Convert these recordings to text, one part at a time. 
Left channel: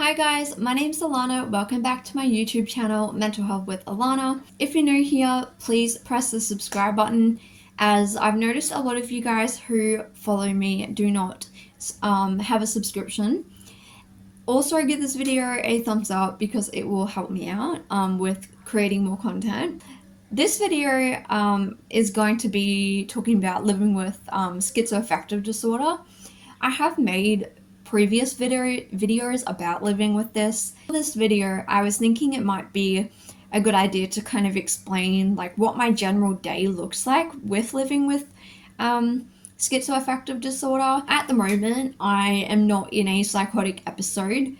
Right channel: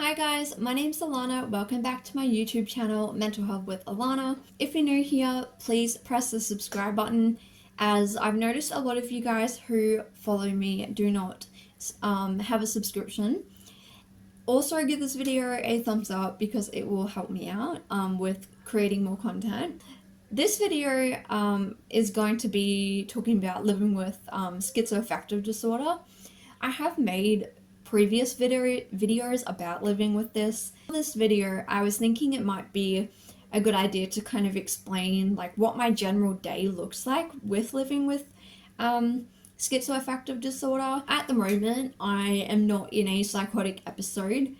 Hi guys, my name's Alana. Welcome back to my YouTube channel, Mental Health with Alana. If you're new here, please press the subscribe button, as I've noticed a lot of you guys who follow me do not have a subscription. Also, give this video a thumbs up because it will help me out with creating more content. This video is going to be talking about living with schizoaffective disorder. I have made previous videos about living with this. For this video, I was thinking it might be a good idea to kind of explain like what my general day looks like with living with schizoaffective disorder. At the moment, I am not in a psychotic episode.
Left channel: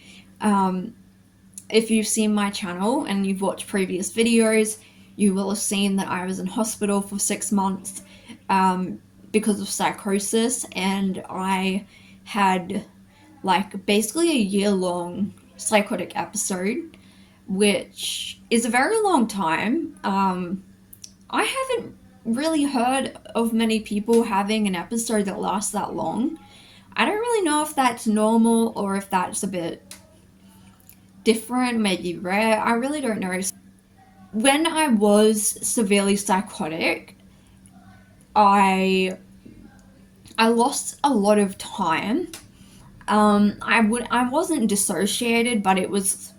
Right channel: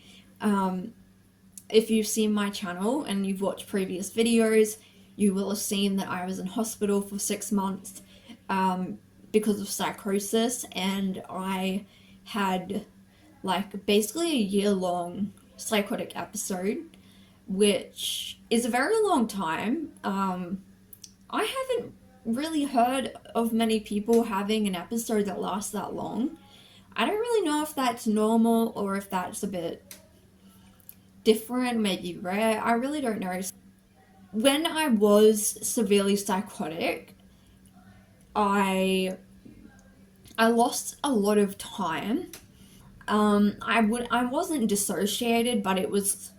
If you've seen my channel and you've watched previous videos, you will have seen that I was in hospital for 6 months because of psychosis, and I had like basically a year-long psychotic episode, which is a very long time. I haven't really heard of many people having an episode that lasts that long. I don't really know if that's normal or if that's a bit different, maybe rare. I really don't know. When I was severely psychotic, I lost a lot of time. I wasn't dissociated, but it was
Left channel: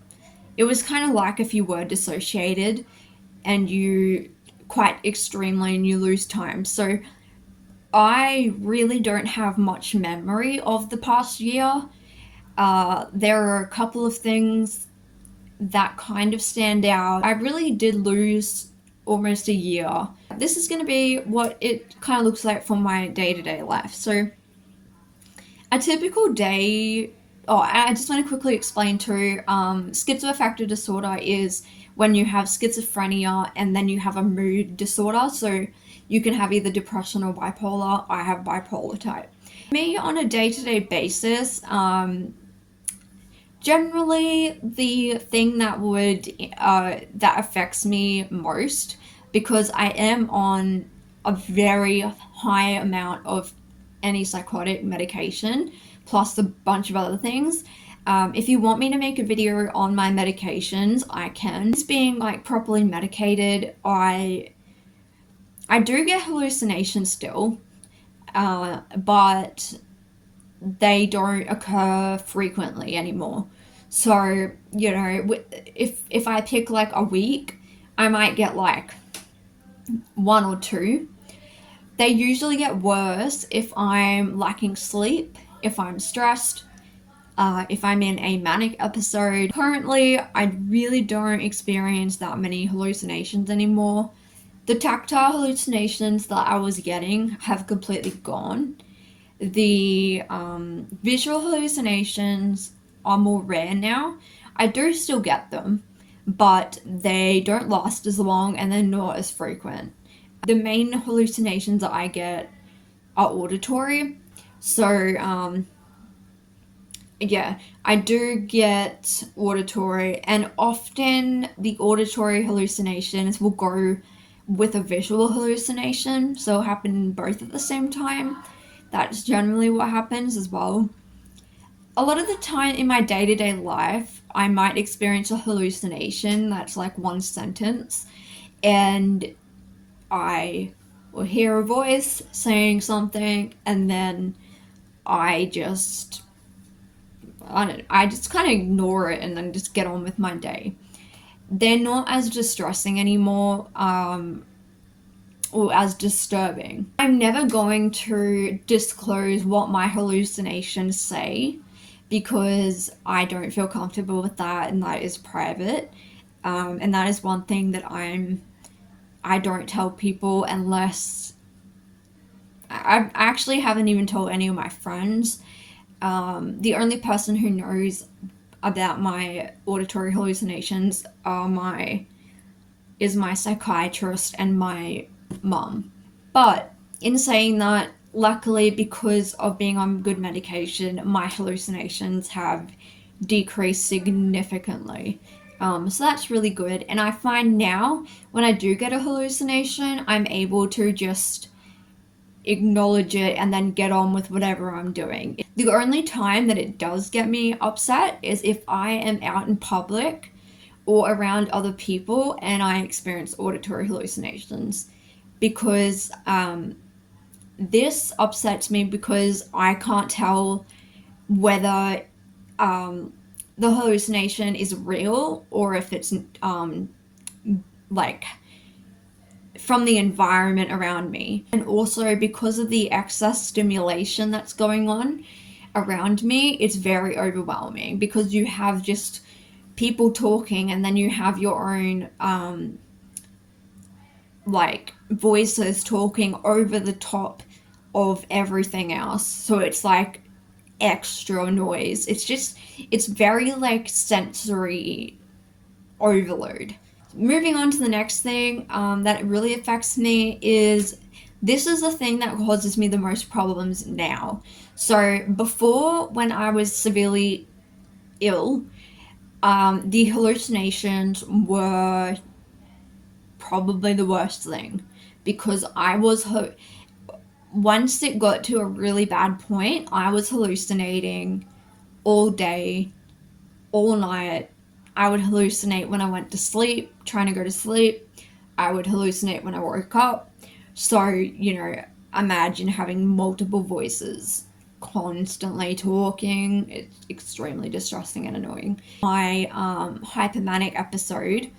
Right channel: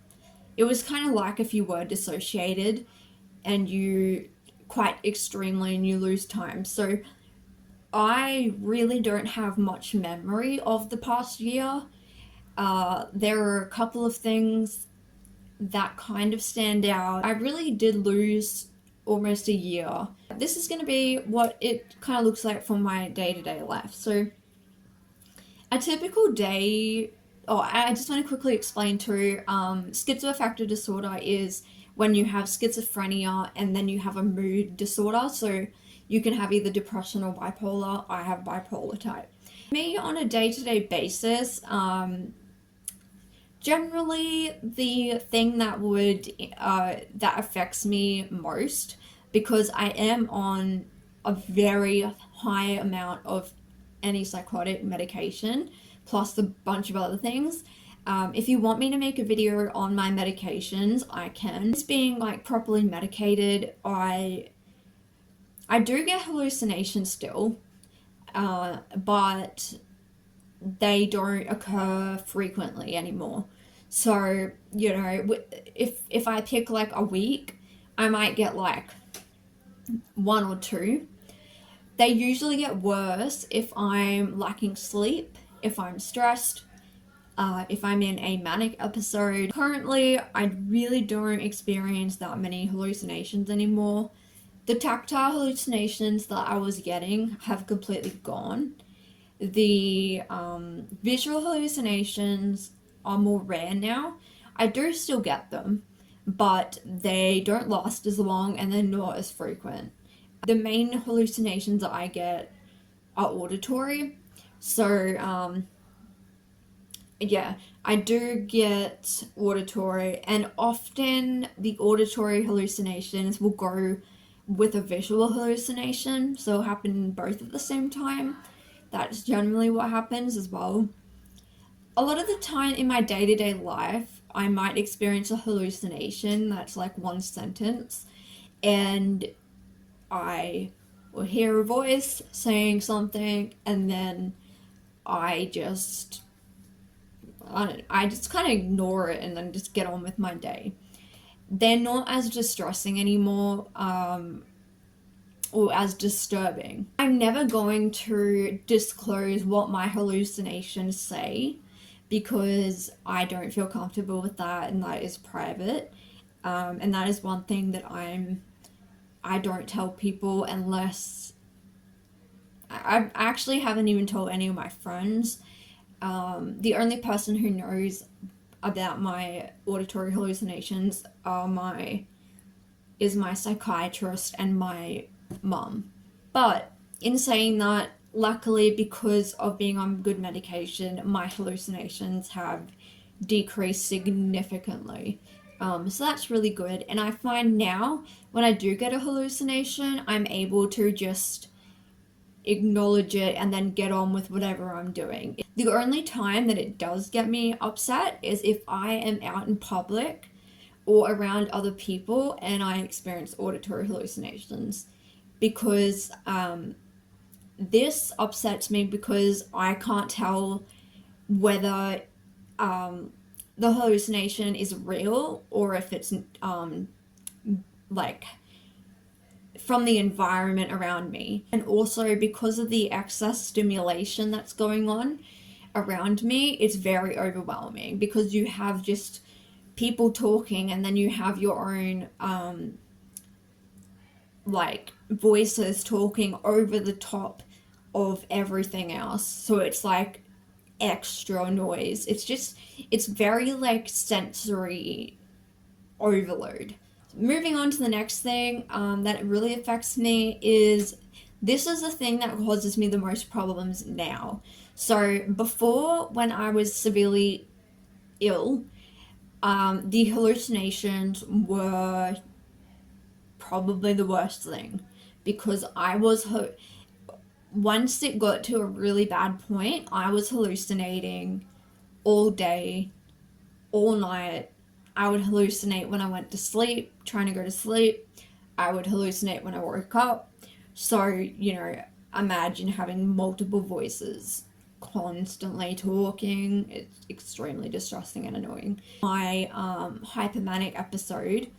kind of like if you were dissociated and you quite extremely and you lose time. So I really don't have much memory of the past year. There are a couple of things that kind of stand out. I really did lose almost a year. This is going to be what it kind of looks like for my day-to-day life. So a typical day, I just want to quickly explain too, schizoaffective disorder is when you have schizophrenia and then you have a mood disorder. So you can have either depression or bipolar. I have bipolar type. Me on a day-to-day basis, generally the thing that that affects me most, because I am on a very high amount of antipsychotic medication plus a bunch of other things. If you want me to make a video on my medications, I can. It's being like properly medicated. I do get hallucinations still, but they don't occur frequently anymore. So, you know, if I pick like a week, I might get like 1 or 2. They usually get worse if I'm lacking sleep, if I'm stressed, if I'm in a manic episode. Currently, I really don't experience that many hallucinations anymore. The tactile hallucinations that I was getting have completely gone. The visual hallucinations are more rare now. I do still get them, but they don't last as long and they're not as frequent. The main hallucinations that I get are auditory. So, yeah, I do get auditory, and often the auditory hallucinations will go with a visual hallucination, so it'll happen both at the same time. That's generally what happens as well. A lot of the time in my day-to-day life, I might experience a hallucination that's like one sentence, and I will hear a voice saying something, and then I just kind of ignore it and then just get on with my day. They're not as distressing anymore, or as disturbing. I'm never going to disclose what my hallucinations say because I don't feel comfortable with that, and that is private. And that is one thing that I don't tell people unless I actually haven't even told any of my friends. The only person who knows about my auditory hallucinations is my psychiatrist and my mum. But in saying that, luckily, because of being on good medication, my hallucinations have decreased significantly. So that's really good. And I find now when I do get a hallucination, I'm able to just acknowledge it and then get on with whatever I'm doing. The only time that it does get me upset is if I am out in public or around other people and I experience auditory hallucinations, because this upsets me because I can't tell whether the hallucination is real or if it's like from the environment around me. And also because of the excess stimulation that's going on around me, it's very overwhelming because you have just people talking and then you have your own like voices talking over the top of everything else. So it's like extra noise. It's very like sensory overload. Moving on to the next thing that really affects me is this is the thing that causes me the most problems now. So before, when I was severely ill, the hallucinations were probably the worst thing because once it got to a really bad point, I was hallucinating all day, all night. I would hallucinate when I went to sleep, trying to go to sleep. I would hallucinate when I woke up. So, imagine having multiple voices constantly talking. It's extremely distressing and annoying. My hypomanic episode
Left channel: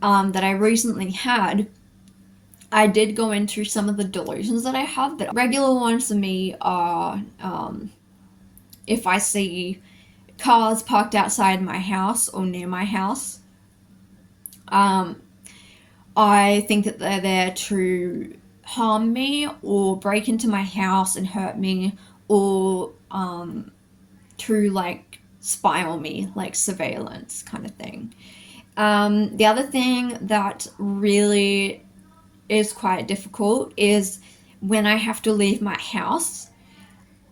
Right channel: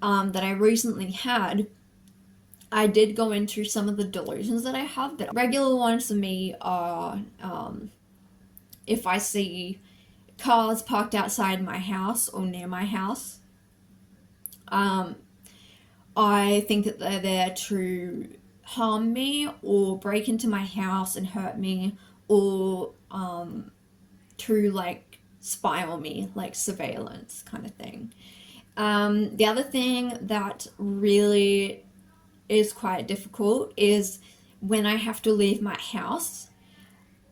that I recently had, I did go into some of the delusions that I have, but regular ones for me are if I see cars parked outside my house or near my house, I think that they're there to harm me or break into my house and hurt me, or to like spy on me, like surveillance kind of thing. The other thing that really is quite difficult is when I have to leave my house.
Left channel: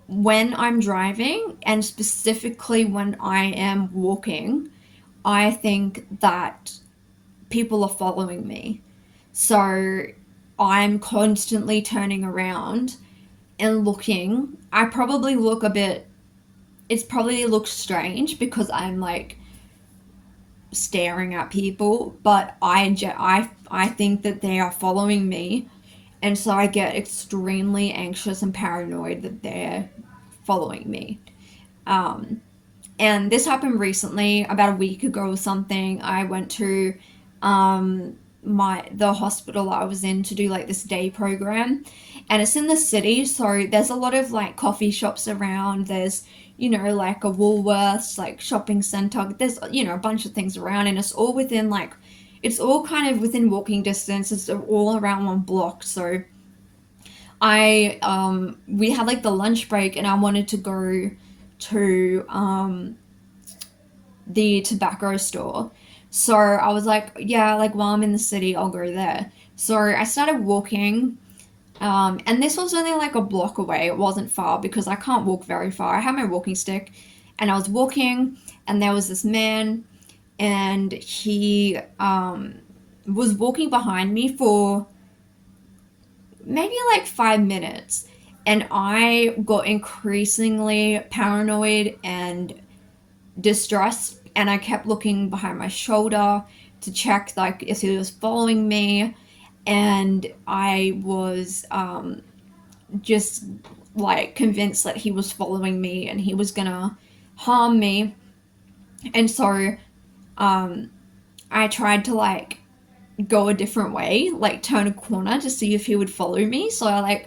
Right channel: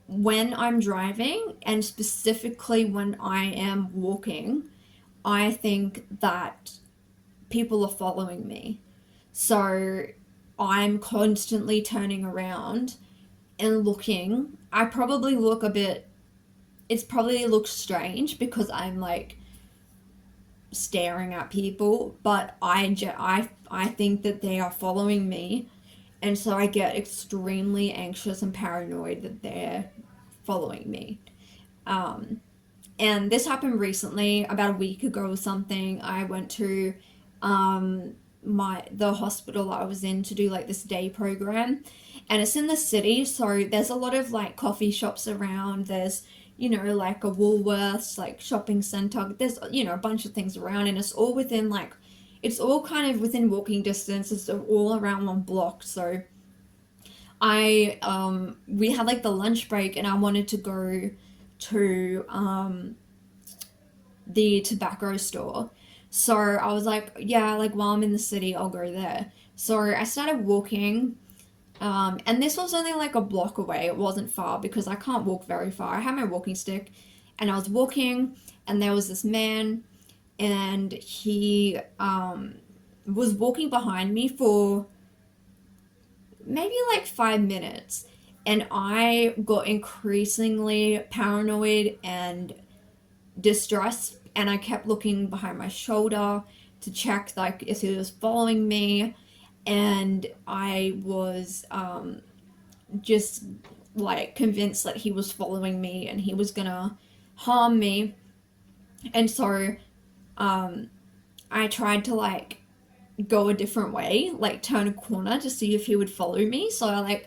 When I'm driving, and specifically when I am walking, I think that people are following me. So I'm constantly turning around and looking. It probably looks strange because I'm like staring at people, but I think that they are following me, and so I get extremely anxious and paranoid that they're following me. And this happened recently, about a week ago or something. I went to the hospital I was in to do like this day program, and it's in the city, so there's a lot of like coffee shops around. There's like a Woolworths, like shopping center. There's a bunch of things around, and it's all within like it's all kind of within walking distance. It's all around one block. So we had like the lunch break, and I wanted to go to the tobacco store. So I was like, yeah, like while I'm in the city, I'll go there. So I started walking, and this was only like a block away. It wasn't far because I can't walk very far. I had my walking stick, and I was walking, and there was this man, and he was walking behind me for maybe like 5 minutes, and I got increasingly paranoid and distressed, and I kept looking behind my shoulder to check like if he was following me, and I was just like convinced that he was following me and he was gonna harm me. And so I tried to like go a different way, like turn a corner to see if he would follow me. So I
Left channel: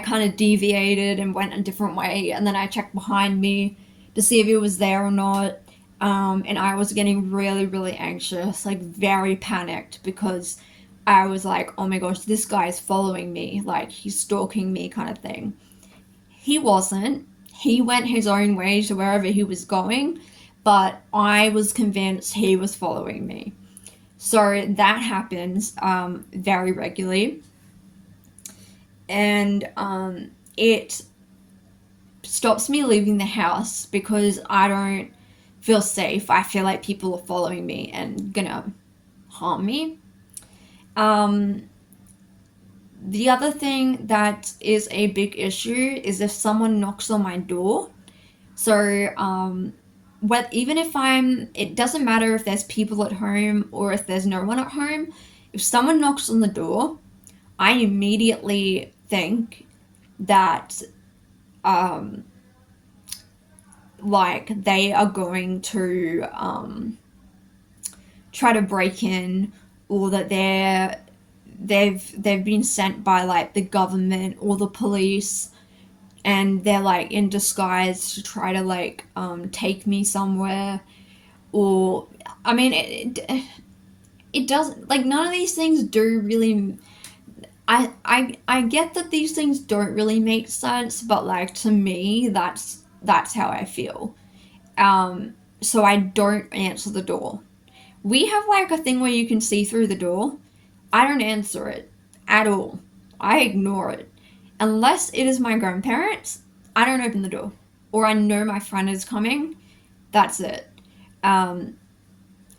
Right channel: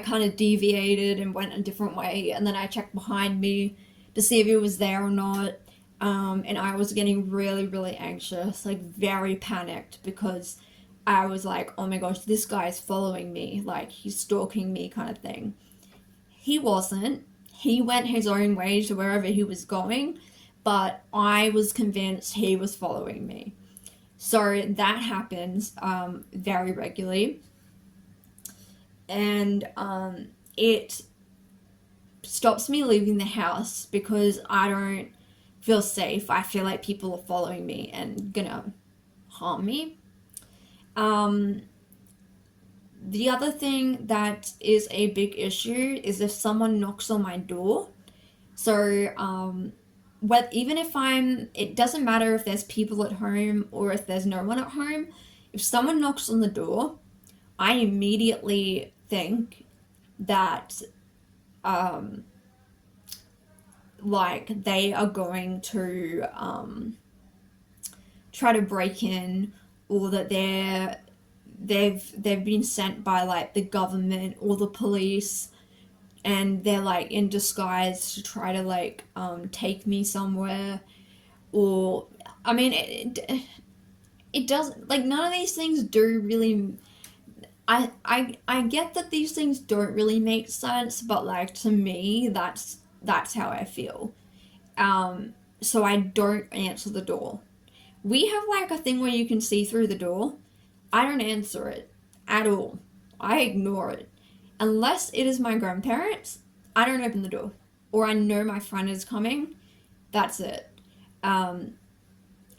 kind of deviated and went a different way, and then I checked behind me to see if he was there or not. And I was getting really, really anxious, like very panicked, because I was like, oh my gosh, this guy is following me, like he's stalking me kind of thing. He wasn't. He went his own way to wherever he was going, but I was convinced he was following me. So that happens very regularly, and it stops me leaving the house because I don't feel safe. I feel like people are following me and gonna harm me. The other thing that is a big issue is if someone knocks on my door. So, even if it doesn't matter if there's people at home or if there's no one at home, if someone knocks on the door, I immediately think that, um, like, they are going to try to break in, or that they've been sent by like the government or the police, and they're like in disguise to try to like take me somewhere. Or I mean it doesn't, like, none of these things do really. I get that these things don't really make sense, but like to me that's how I feel. So I don't answer the door. We have like a thing where you can see through the door. I don't answer it at all. I ignore it. Unless it is my grandparents, I don't open the door. Or I know my friend is coming. That's it. Um,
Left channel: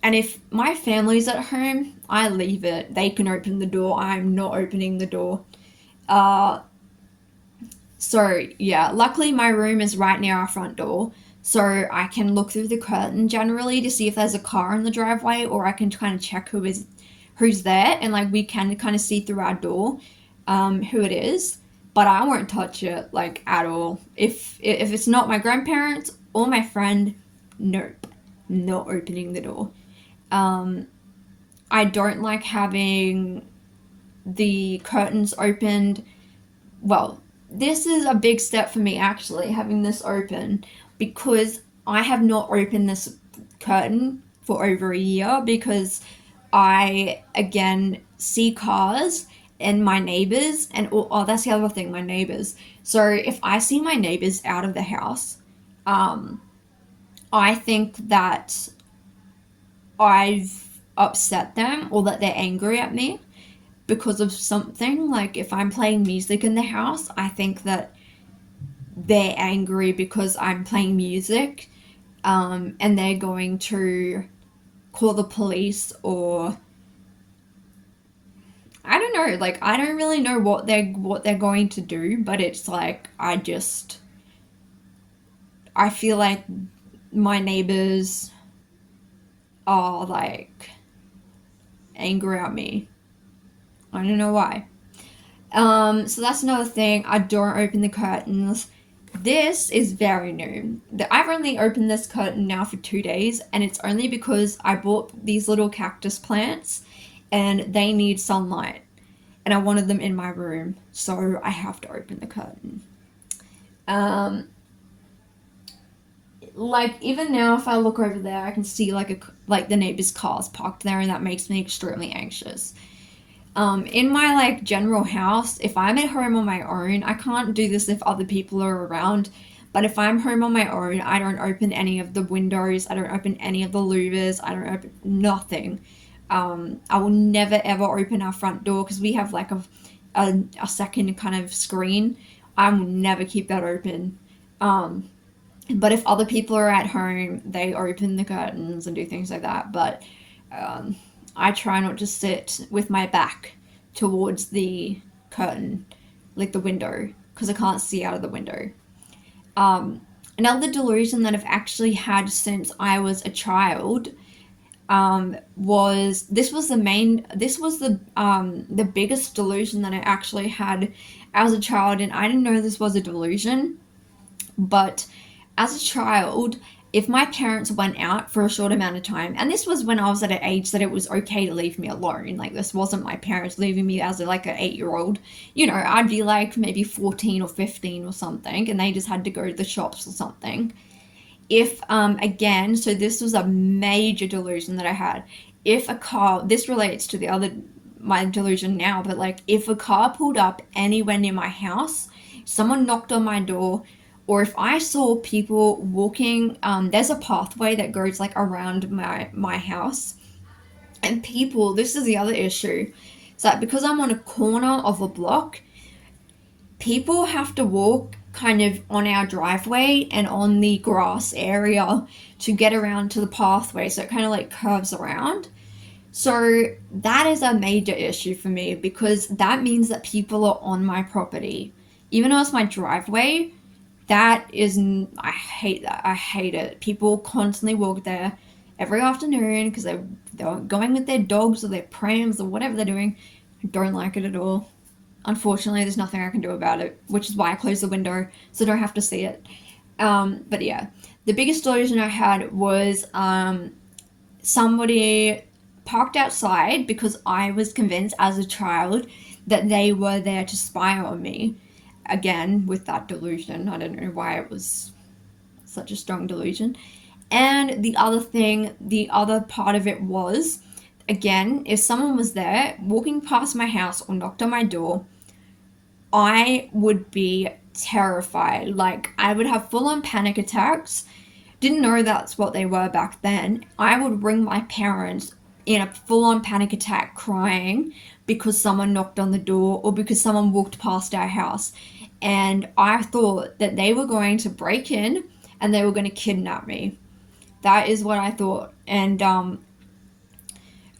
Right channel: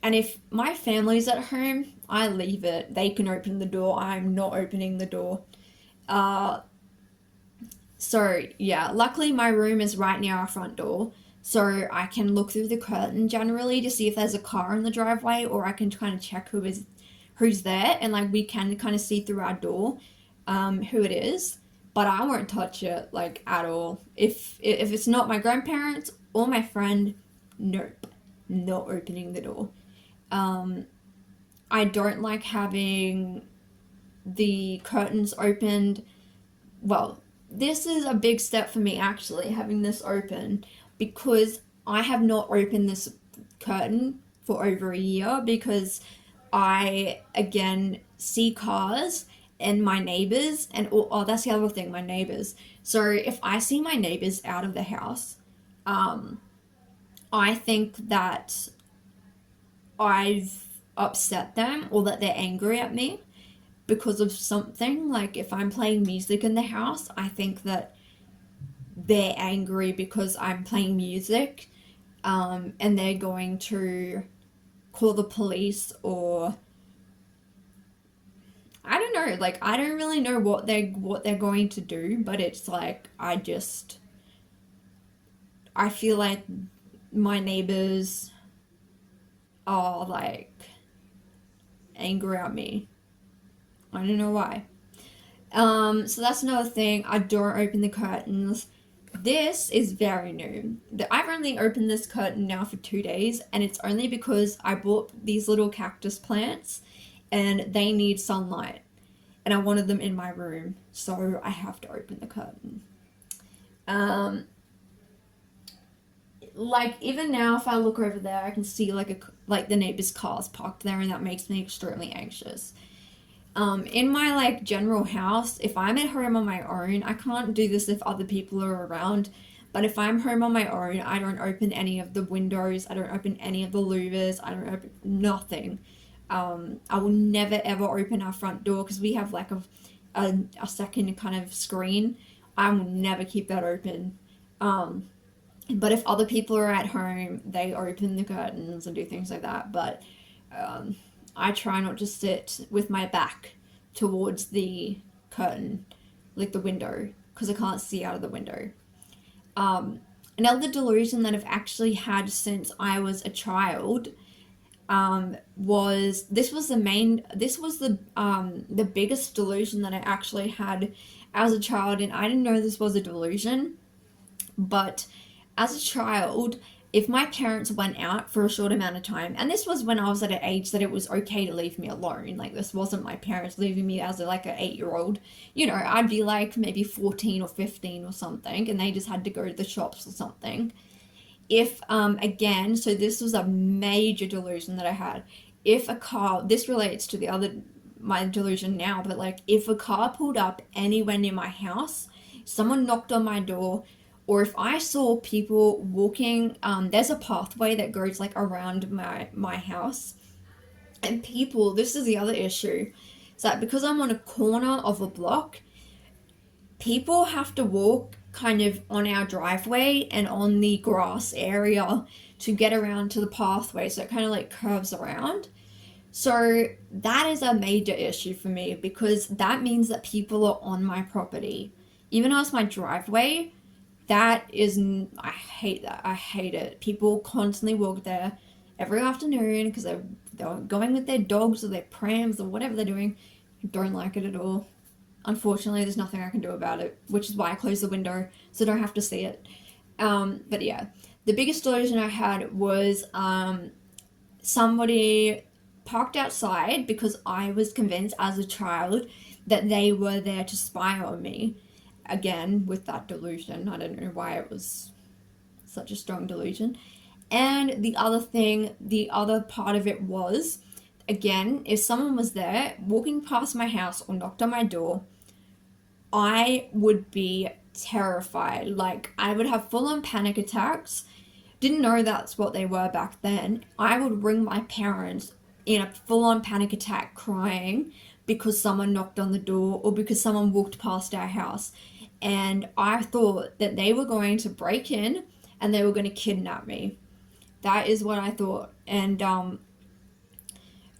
and if my family's at home, I leave it. They can open the door. I'm not opening the door. Uh, so, yeah, luckily my room is right near our front door. So I can look through the curtain generally to see if there's a car in the driveway, or I can kind of check who's there, and like we can kind of see through our door who it is. But I won't touch it like at all. If it's not my grandparents or my friend, nope, not opening the door. Um, I don't like having the curtains opened. Well, this is a big step for me actually, having this open, because I have not opened this curtain for over a year because I again see cars and my neighbors, and that's the other thing, my neighbors. So if I see my neighbors out of the house, um, I think that I've upset them, or that they're angry at me because of something. Like if I'm playing music in the house, I think that they're angry because I'm playing music, and they're going to call the police, or I don't know. Like I don't really know what they're going to do, but it's like I feel like my neighbors are like angry at me. I don't know why. So that's another thing. I don't open the curtains. This is very new. I've only opened this curtain now for 2 days, and it's only because I bought these little cactus plants and they need sunlight, and I wanted them in my room, so I have to open the curtain. Um, like even now, if I look over there, I can see like the neighbor's cars parked there, and that makes me extremely anxious. In my like general house, if I'm at home on my own, I can't do this if other people are around. But if I'm home on my own, I don't open any of the windows. I don't open any of the louvers. I don't open nothing. I will never ever open our front door because we have like a second kind of screen. I will never keep that open. Um, but if other people are at home, they open the curtains and do things like that. But um, I try not to sit with my back towards the curtain, like the window, because I can't see out of the window. Um, Another delusion that I've actually had since I was a child, was the biggest delusion that I actually had as a child, and I didn't know this was a delusion. But as a child, if my parents went out for a short amount of time, and this was when I was at an age that it was okay to leave me alone, like this wasn't my parents leaving me as like an 8 year old, I'd be like maybe 14 or 15 or something, and they just had to go to the shops or something. If, again, so this was a major delusion that I had. If a car, this relates to my delusion now, but like if a car pulled up anywhere near my house, someone knocked on my door, or if I saw people walking, there's a pathway that goes like around my house, and people, this is the other issue, it's that because I'm on a corner of a block, people have to walk kind of on our driveway and on the grass area to get around to the pathway, so it kind of like curves around. So that is a major issue for me because that means that people are on my property. Even though it's my driveway, that is, I hate that. I hate it. People constantly walk there every afternoon because they're going with their dogs or their prams or whatever they're doing. I don't like it at all. Unfortunately, there's nothing I can do about it, which is why I closed the window so I don't have to see it. But yeah, the biggest delusion I had was somebody parked outside because I was convinced as a child that they were there to spy on me. Again, with that delusion, I don't know why it was such a strong delusion. And the other thing, the other part of it was, again, if someone was there walking past my house or knocked on my door, I would be terrified. Like, I would have full on panic attacks. Didn't know that's what they were back then. I would ring my parents in a full on panic attack crying because someone knocked on the door or because someone walked past our house. And I thought that they were going to break in and they were going to kidnap me. That is what I thought. And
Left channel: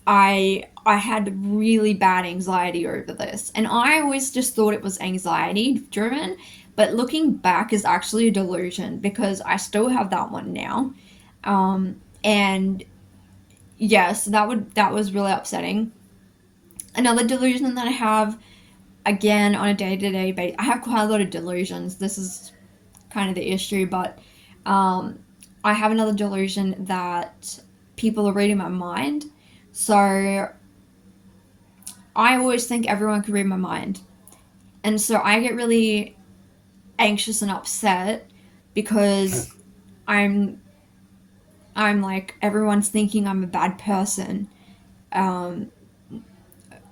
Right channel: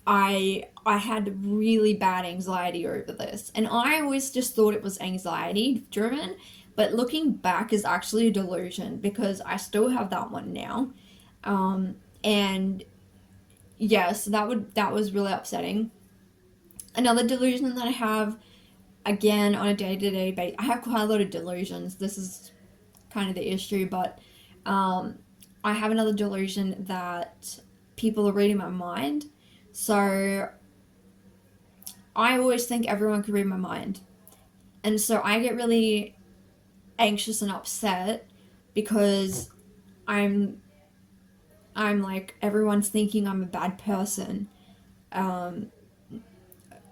I had really bad anxiety over this. And I always just thought it was anxiety driven, but looking back is actually a delusion because I still have that one now. And yes, that was really upsetting. Another delusion that I have, again, on a day-to-day basis, I have quite a lot of delusions. This is kind of the issue, but I have another delusion that people are reading my mind. So I always think everyone can read my mind. And so I get really anxious and upset because I'm I'm like everyone's thinking I'm a bad person. Um,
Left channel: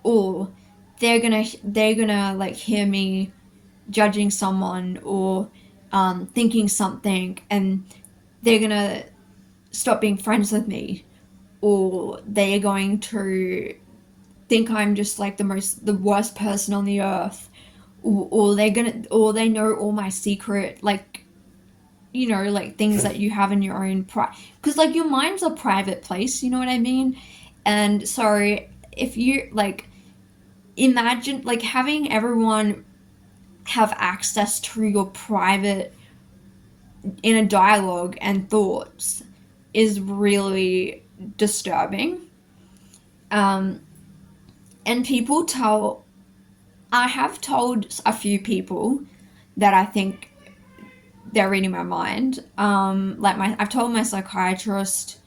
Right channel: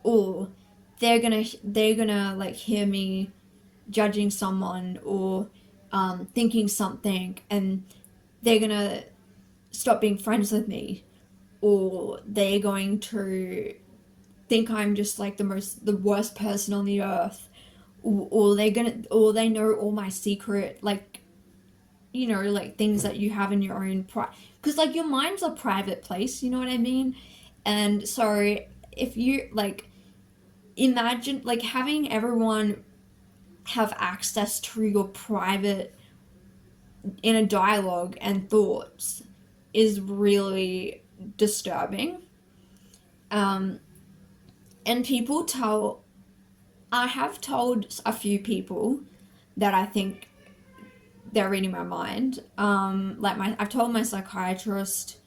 or they're gonna like hear me judging someone or thinking something and they're gonna stop being friends with me, or they're going to think I'm just like the worst person on the earth, or they know all my secret, like, like things that you have in your own because like your mind's a private place, you know what I mean? And so if you like imagine like having everyone have access to your private inner dialogue and thoughts is really disturbing. Um, and people tell, I have told a few people that I think they're reading my mind. I've told my psychiatrist,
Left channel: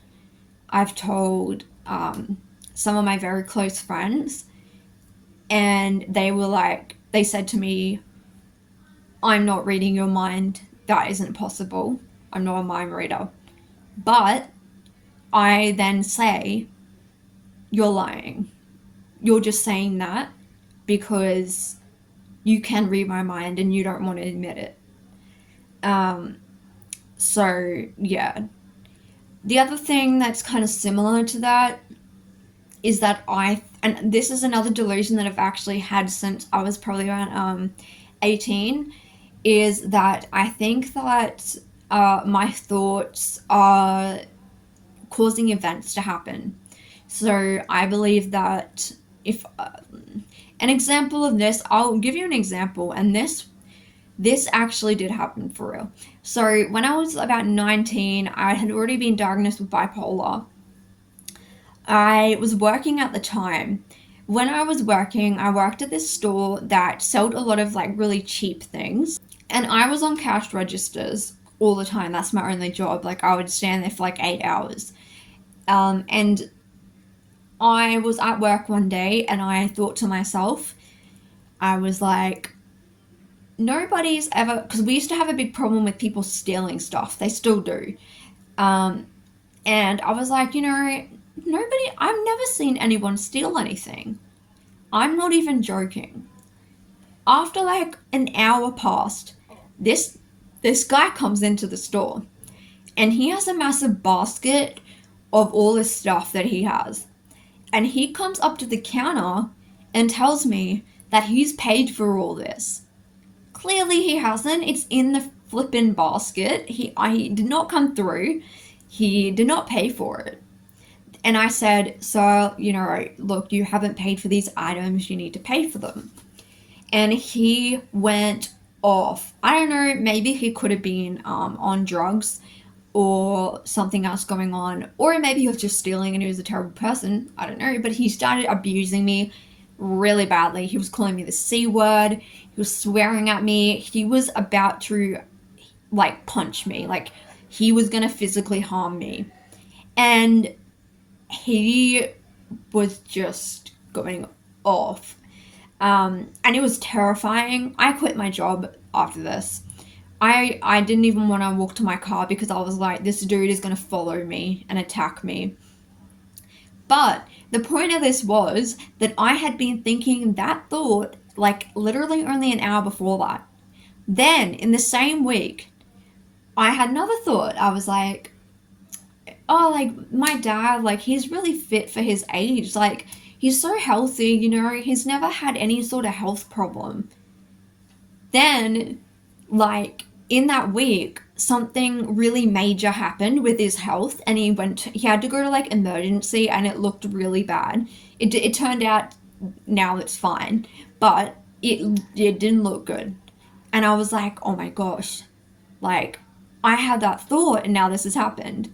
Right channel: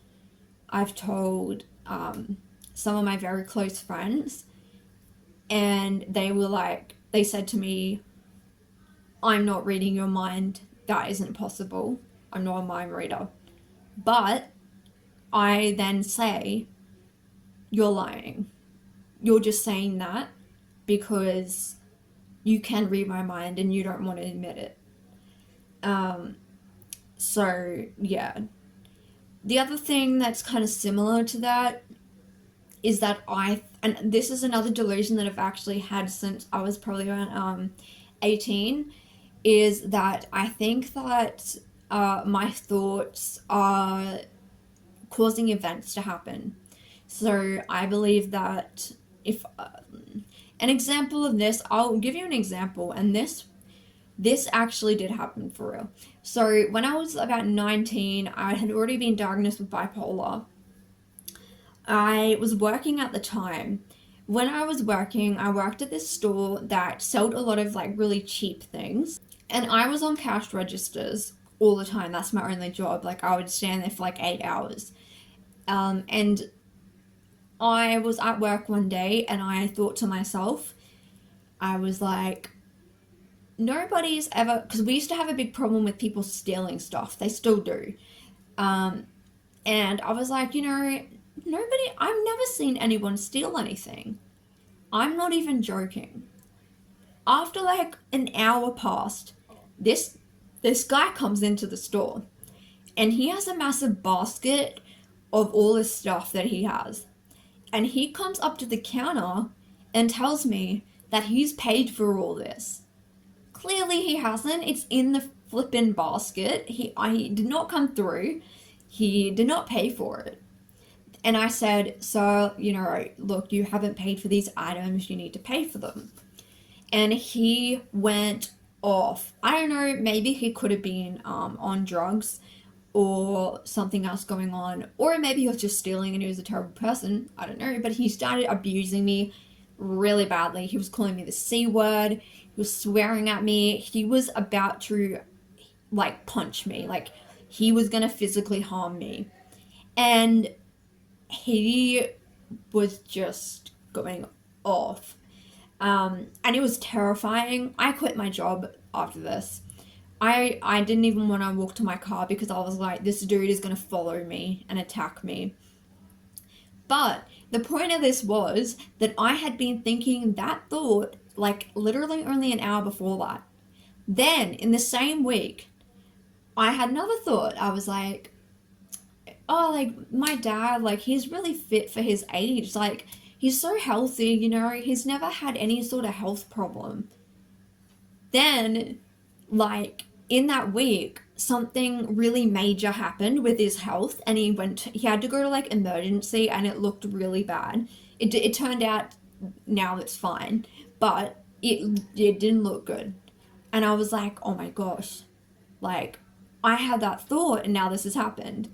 I've told some of my very close friends, and they said to me, I'm not reading your mind. That isn't possible. I'm not a mind reader. But I then say, you're lying. You're just saying that because you can read my mind and you don't want to admit it. Um, so, yeah. The other thing that's kind of similar to that is that and this is another delusion that I've actually had since I was probably around 18, is that I think that my thoughts are causing events to happen. So I believe that if an example of this, I'll give you an example, and this actually did happen for real. So when I was about 19, I had already been diagnosed with bipolar. I was working at the time. When I was working, I worked at this store that sold a lot of like really cheap things. And I was on cash registers all the time. That's my only job. Like I would stand there for like 8 hours. And I was at work one day and I thought to myself, I was like, nobody's ever, because we used to have a big problem with people stealing stuff. They still do. Um, and I was like, I've never seen anyone steal anything. I'm not even joking. After like an hour passed, this this guy comes into the store and he has a massive basket of all this stuff that he has. And he comes up to the counter and tells me that he's paid for all this. Clearly he hasn't. It's in the flippin' basket. I did not come through. He did not pay for it. And I said, "So, look, you haven't paid for these items, you need to pay for them." And he went off. I don't know, maybe he could have been on drugs or something else going on, or maybe he was just stealing and he was a terrible person. I don't know, but he started abusing me really badly. He was calling me the C word, he was swearing at me, he was about to like punch me, like he was gonna physically harm me. And he was just going off. And it was terrifying. I quit my job after this. I didn't even want to walk to my car because I was like, this dude is going to follow me and attack me. But the point of this was that I had been thinking that thought like literally only an hour before that. Then in the same week, I had another thought. I was like, oh, like my dad, like he's really fit for his age. Like he's so healthy, he's never had any sort of health problem. Then, like in that week, something really major happened with his health, and he had to go to like emergency, and it looked really bad. It turned out now it's fine, but it didn't look good. And I was like, oh my gosh, like I had that thought, and now this has happened.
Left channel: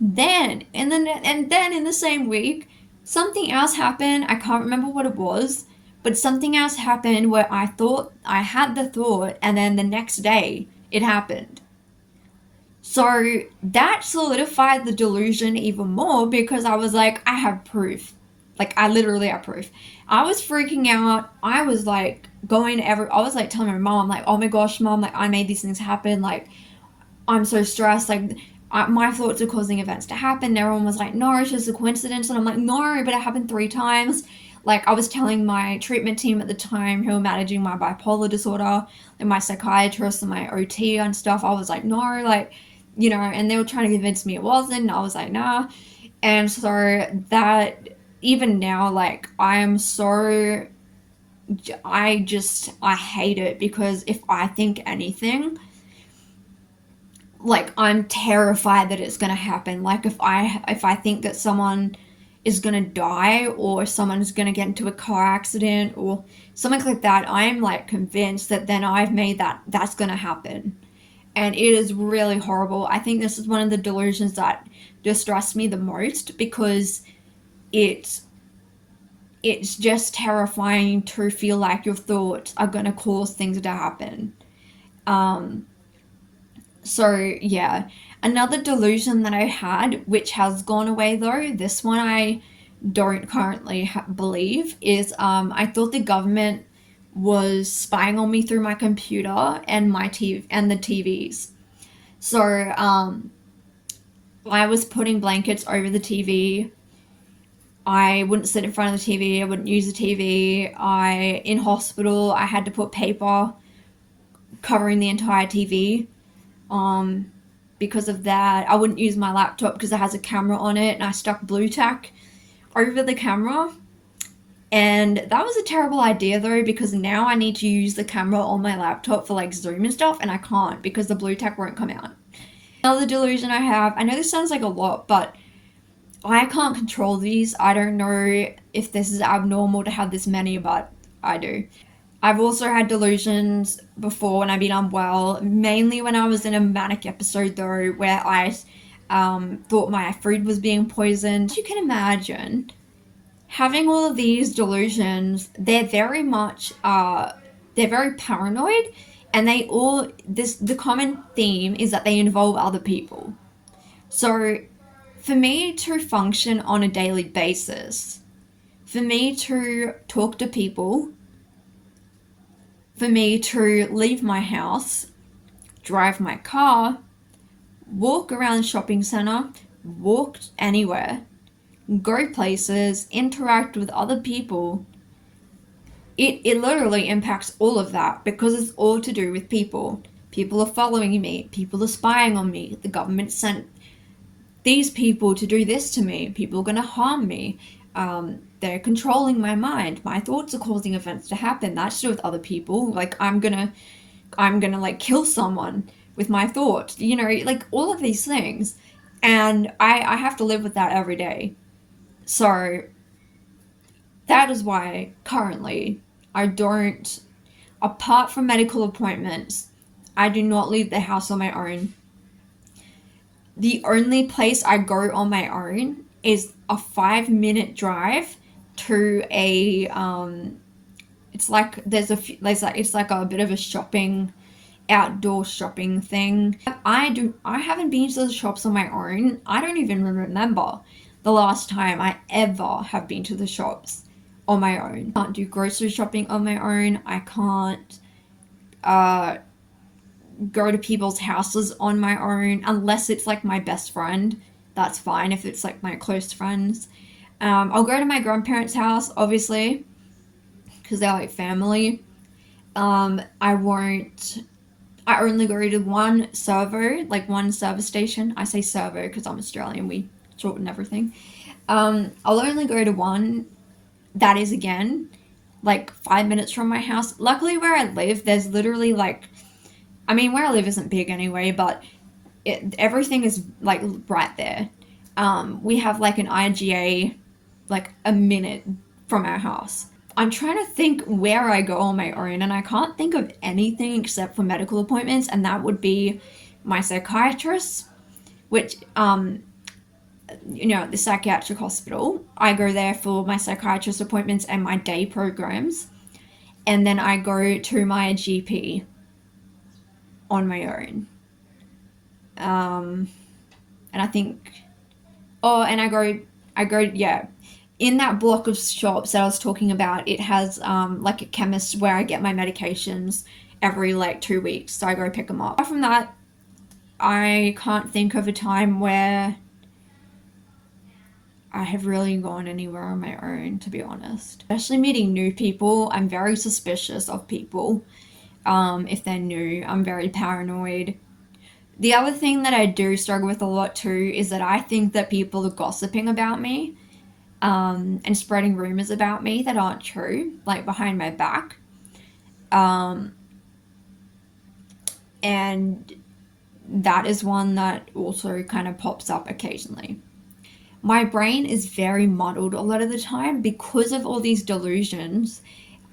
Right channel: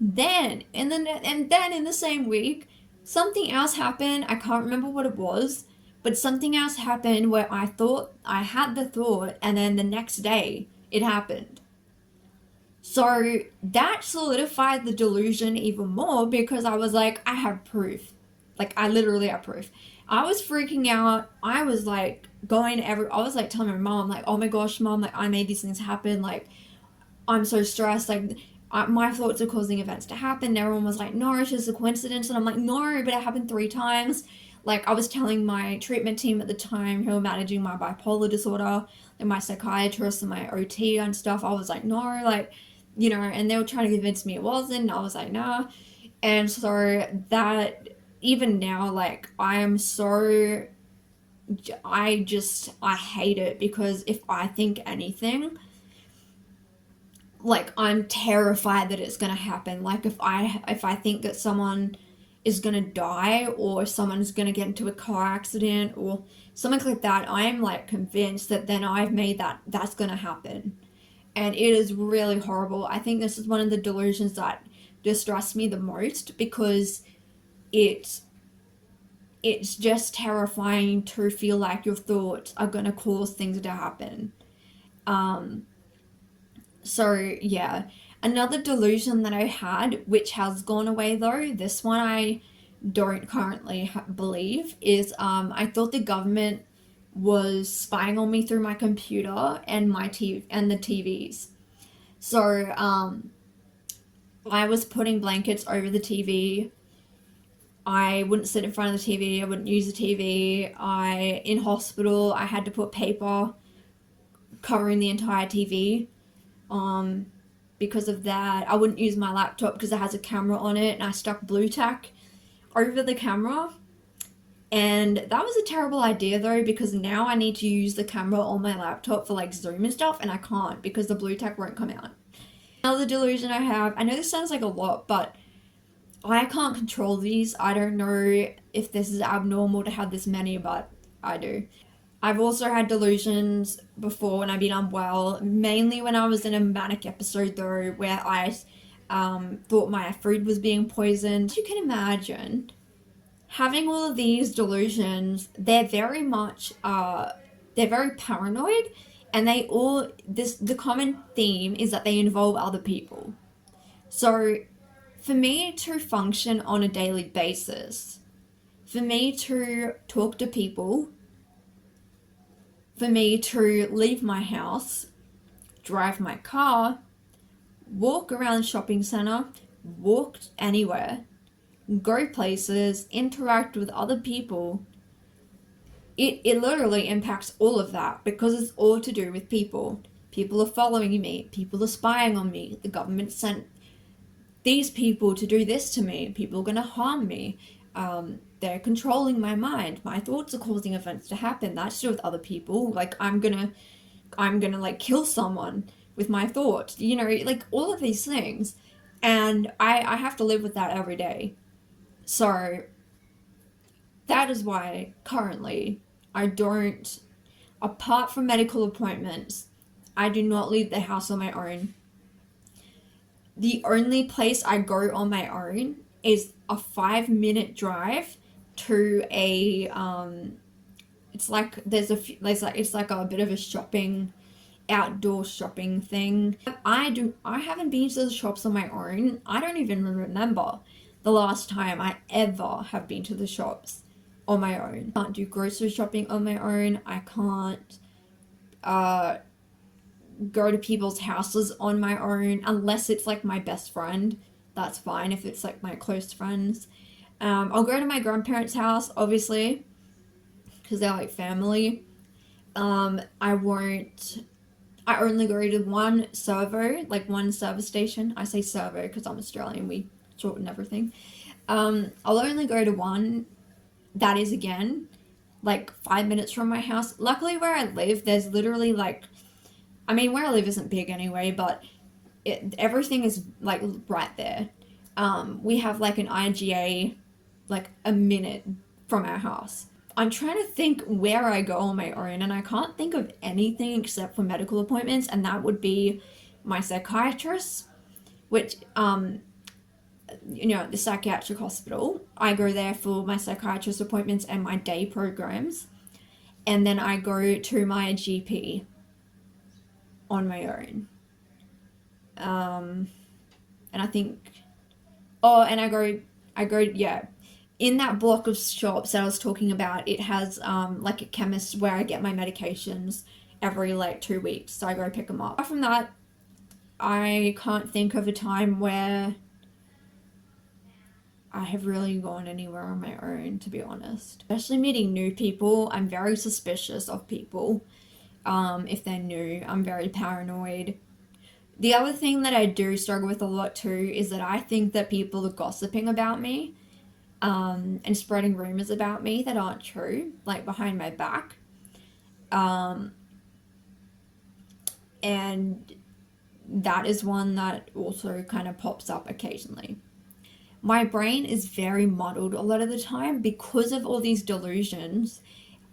Then in the same week, something else happened. I can't remember what it was, but something else happened where I thought I had the thought, and then the next day it happened. So that solidified the delusion even more because I was like, I have proof. Like, I literally have proof. I was freaking out. I was like I was like telling my mom, like, oh my gosh, mom, like, I made these things happen. Like, I'm so stressed. Like, my thoughts are causing events to happen. And everyone was like, no, it's just a coincidence. And I'm like, no, but it happened 3 times. Like, I was telling my treatment team at the time who were managing my bipolar disorder and my psychiatrist and my OT and stuff. I was like, no, like, and they were trying to convince me it wasn't. And I was like, nah. And so that, even now, like, I hate it because if I think anything, like I'm terrified that it's gonna happen. Like if I think that someone is gonna die or someone's gonna get into a car accident or something like that, I'm like convinced that then I've made that's gonna happen. And it is really horrible. I think this is one of the delusions that distress me the most because it's it's just terrifying to feel like your thoughts are gonna cause things to happen. Um, So, yeah. Another delusion that I had, which has gone away though, this one I don't currently believe, is I thought the government was spying on me through my computer and my TV and the TVs. So, I was putting blankets over the TV. I wouldn't sit in front of the TV. I wouldn't use the TV. In hospital, I had to put paper covering the entire TV. Um, because of that, I wouldn't use my laptop because it has a camera on it, and I stuck blue tack over the camera. And that was a terrible idea though, because now I need to use the camera on my laptop for like Zoom and stuff, and I can't because the blue tack won't come out. Another delusion I have, I know this sounds like a lot, but I can't control these. I don't know if this is abnormal to have this many, but I do. I've also had delusions before when I've been unwell, mainly when I was in a manic episode though, where I thought my food was being poisoned. You can imagine having all of these delusions. They're very paranoid, and the common theme is that they involve other people. So for me to function on a daily basis, for me to talk to people, for me to leave my house, drive my car, walk around the shopping centre, walk anywhere, go places, interact with other people, it literally impacts all of that because it's all to do with people. People are following me, people are spying on me, the government sent these people to do this to me, people are going to harm me. They're controlling my mind. My thoughts are causing events to happen. That's to do with other people. Like I'm gonna like kill someone with my thoughts. Like all of these things, and I have to live with that every day. So that is why currently I don't, apart from medical appointments, I do not leave the house on my own. The only place I go on my own is a 5-minute drive to a it's like it's like a bit of a shopping, outdoor shopping thing. I haven't been to the shops on my own. I don't even remember the last time I ever have been to the shops on my own. I can't do grocery shopping on my own. I can't uh go to people's houses on my own unless it's like my best friend. That's fine if it's like my close friends. I'll go to my grandparents' house, obviously, because they're like family. I won't. I only go to one servo, like one service station. I say servo because I'm Australian. We shorten everything. I'll only go to one. That is again like 5 minutes from my house. Luckily, where I live, there's literally like, I mean, where I live isn't big anyway, but everything is like right there. We have like an IGA like a minute from our house. I'm trying to think where I go on my own, and I can't think of anything except for medical appointments, and that would be my psychiatrist, which, the psychiatric hospital. I go there for my psychiatrist appointments and my day programs, and then I go to my GP on my own. And I think, and yeah, in that block of shops that I was talking about, it has like a chemist where I get my medications every like 2 weeks, so I go pick them up. Apart from that, I can't think of a time where I have really gone anywhere on my own, to be honest. Especially meeting new people, I'm very suspicious of people. If they're new, I'm very paranoid. The other thing that I do struggle with a lot too is that I think that people are gossiping about me, and spreading rumors about me that aren't true, like behind my back. And that is one that also kind of pops up occasionally. My brain is very muddled a lot of the time because of all these delusions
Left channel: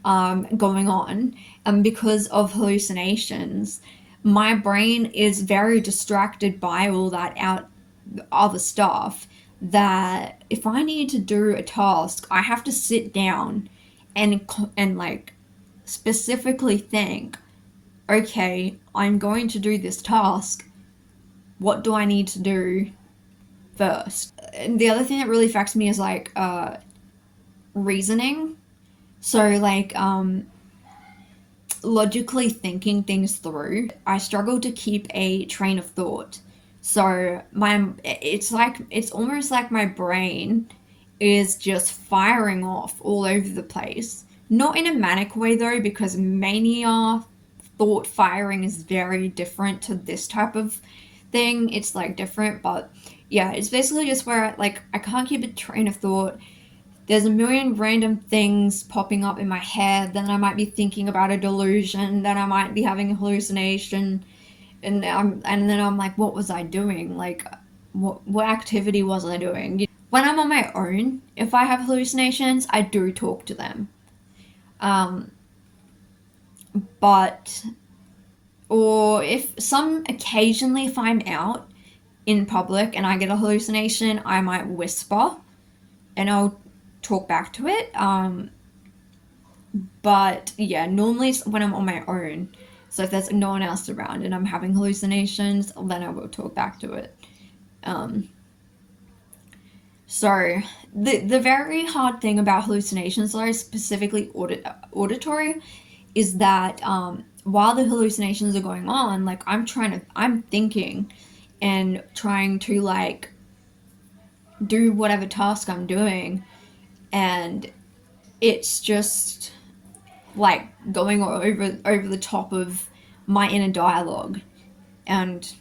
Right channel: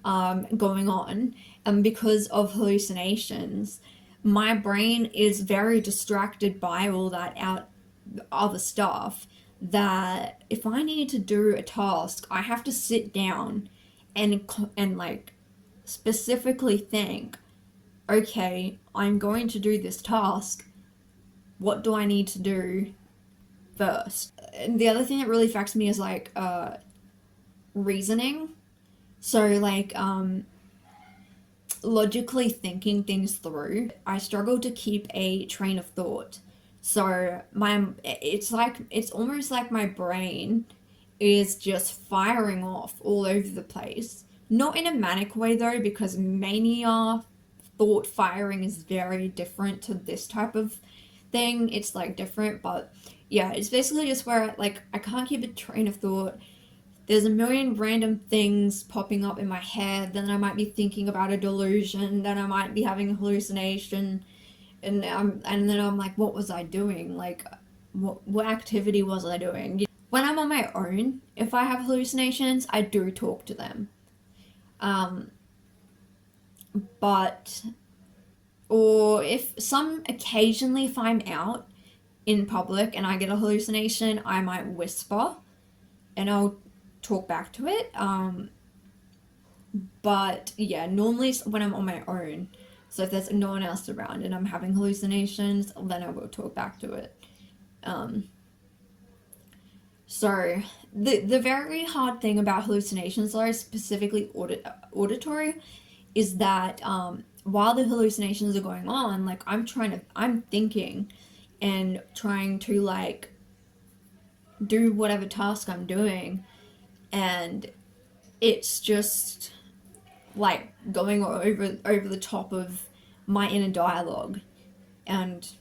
going on, and because of hallucinations. My brain is very distracted by all that other stuff, that if I need to do a task, I have to sit down and like specifically think, okay, I'm going to do this task. What do I need to do first? And the other thing that really affects me is like reasoning. So like logically thinking things through. I struggle to keep a train of thought. So it's almost like my brain is just firing off all over the place. Not in a manic way though, because mania thought firing is very different to this type of thing. It's like different, but yeah, it's basically just where I can't keep a train of thought. There's a million random things popping up in my head. Then I might be thinking about a delusion. Then I might be having a hallucination, and then I'm like, what was I doing? Like, what activity was I doing? When I'm on my own, if I have hallucinations, I do talk to them. But or occasionally if I'm out in public and I get a hallucination, I might whisper and I'll talk back to it. But yeah, normally when I'm on my own, so if there's no one else around and I'm having hallucinations, then I will talk back to it. So the very hard thing about hallucinations, though, specifically auditory, is that while the hallucinations are going on, like I'm thinking and trying to like do whatever task I'm doing, and it's just like going over the top of my inner dialogue and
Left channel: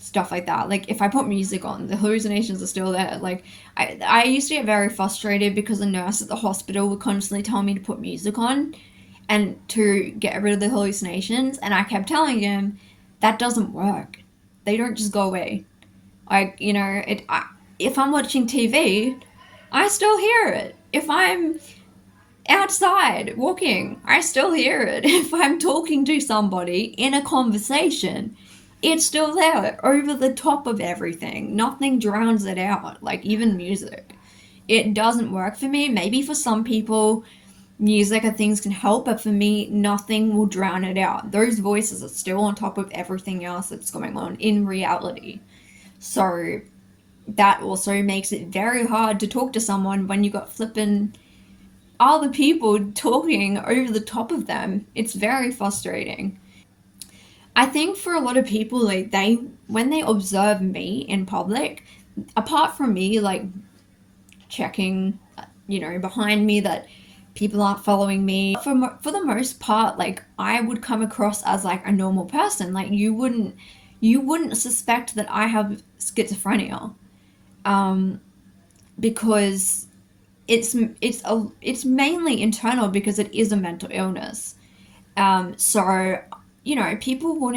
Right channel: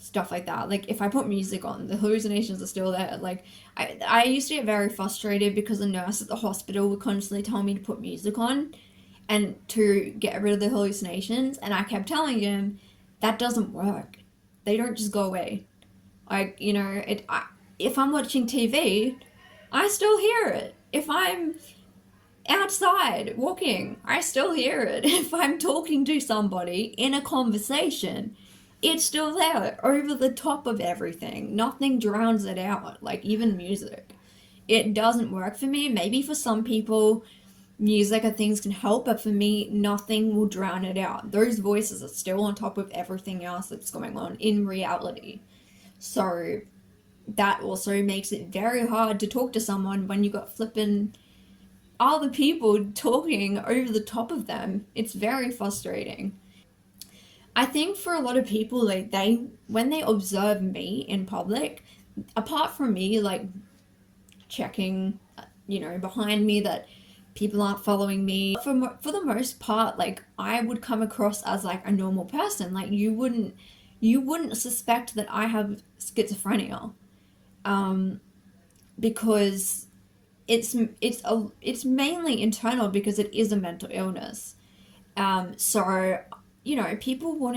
stuff like that. Like if I put music on, the hallucinations are still there. Like I used to get very frustrated because the nurse at the hospital would constantly tell me to put music on and to get rid of the hallucinations, and I kept telling him that doesn't work. They don't just go away. Like if I'm watching TV, I still hear it. If I'm outside walking, I still hear it. If I'm talking to somebody in a conversation, it's still there over the top of everything. Nothing drowns it out, like even music. It doesn't work for me. Maybe for some people, music and things can help, but for me, nothing will drown it out. Those voices are still on top of everything else that's going on in reality. So that also makes it very hard to talk to someone when you got flippin' other people talking over the top of them. It's very frustrating. I think for a lot of people, like they when they observe me in public, apart from me like checking, behind me that people aren't following me, for the most part, like I would come across as like a normal person. Like you wouldn't suspect that I have schizophrenia, um, because it's mainly internal because it is a mental illness. So, people who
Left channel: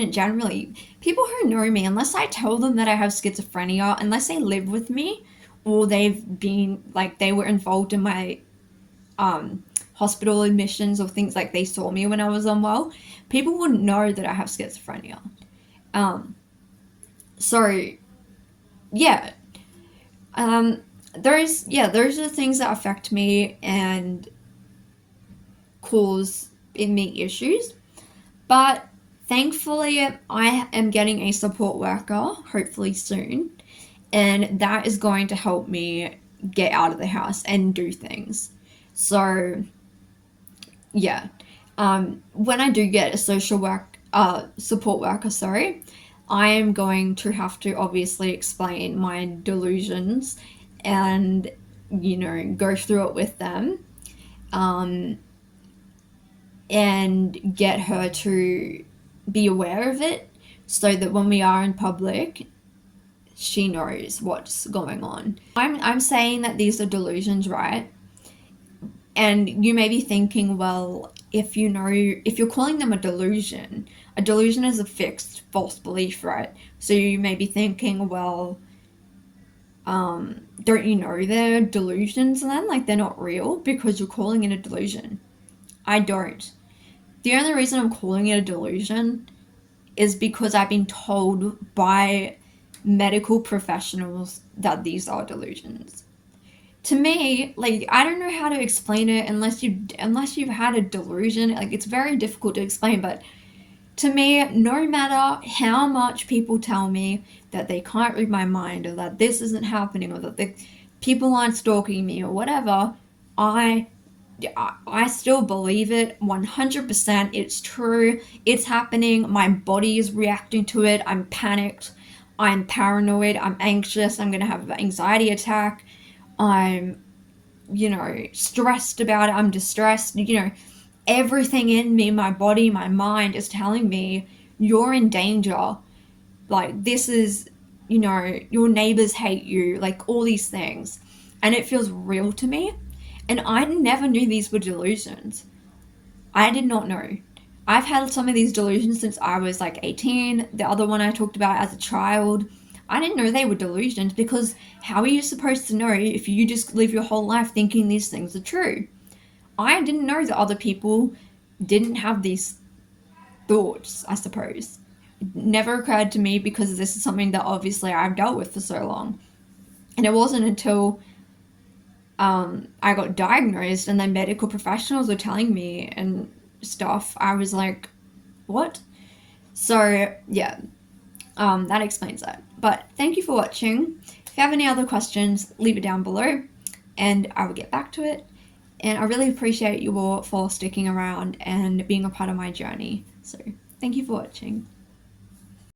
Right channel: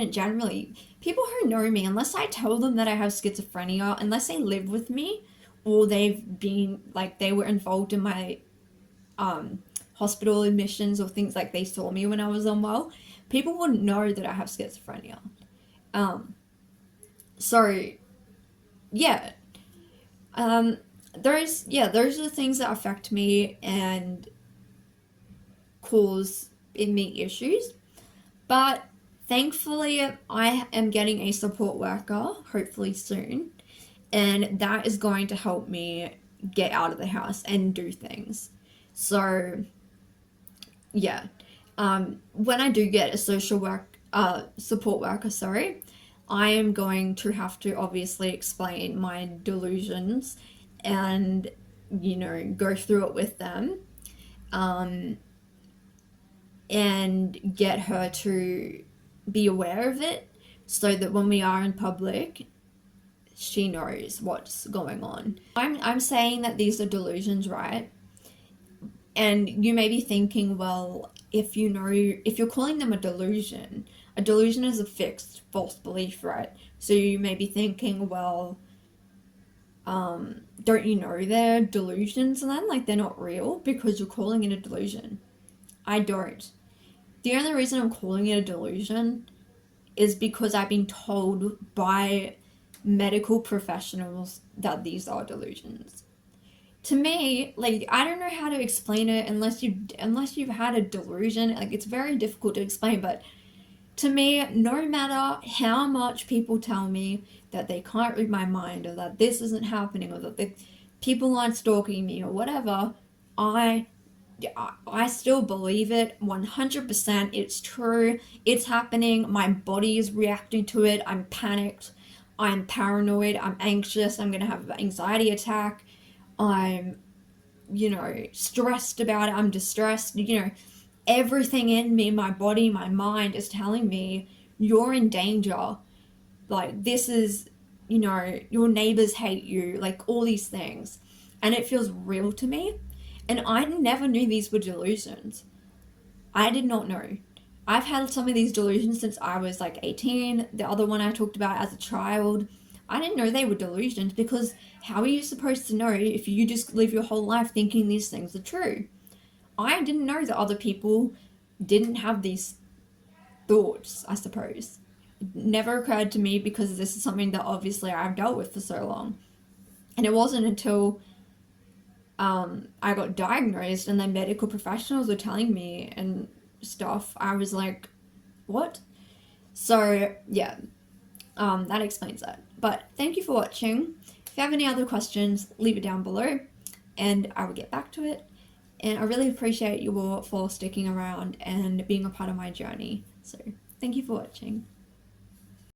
know me, unless I tell them that I have schizophrenia, unless they live with me, or they were involved in my hospital admissions or things, like they saw me when I was unwell, people wouldn't know that I have schizophrenia. Um, so yeah, um, those are the things that affect me and cause in me issues. But thankfully, I am getting a support worker, hopefully soon, and that is going to help me get out of the house and do things. So, yeah. When I do get a support worker, sorry, I am going to have to obviously explain my delusions and, go through it with them. Um, and get her to be aware of it so that when we are in public, she knows what's going on. I'm saying that these are delusions, right? And you may be thinking, well, if you're calling them a delusion is a fixed false belief, right? So you may be thinking, well, don't you know they're delusions then? Like they're not real because you're calling it a delusion. I don't. The only reason I'm calling it a delusion is because I've been told by medical professionals that these are delusions. To me, like I don't know how to explain it unless you've had a delusion. Like it's very difficult to explain, but to me, no matter how much people tell me that they can't read my mind or that this isn't happening or that people aren't stalking me or whatever, I I still believe it 100%. It's true. It's happening. My body is reacting to it. I'm panicked. I'm paranoid. I'm anxious. I'm going to have an anxiety attack. I'm, stressed about it. I'm distressed. Everything in me, my body, my mind is telling me you're in danger. Like, this is, your neighbors hate you. Like, all these things. And it feels real to me. And I never knew these were delusions. I did not know. I've had some of these delusions since I was like 18. The other one I talked about as a child. I didn't know they were delusions because how are you supposed to know if you just live your whole life thinking these things are true? I didn't know that other people didn't have these thoughts, I suppose. It never occurred to me because this is something that obviously I've dealt with for so long. And it wasn't until I got diagnosed and then medical professionals were telling me and stuff, I was like, what? So, yeah, that explains that. But thank you for watching. If you have any other questions, leave it down below and I will get back to it. And I really appreciate you all for sticking around and being a part of my journey. So, thank you for watching.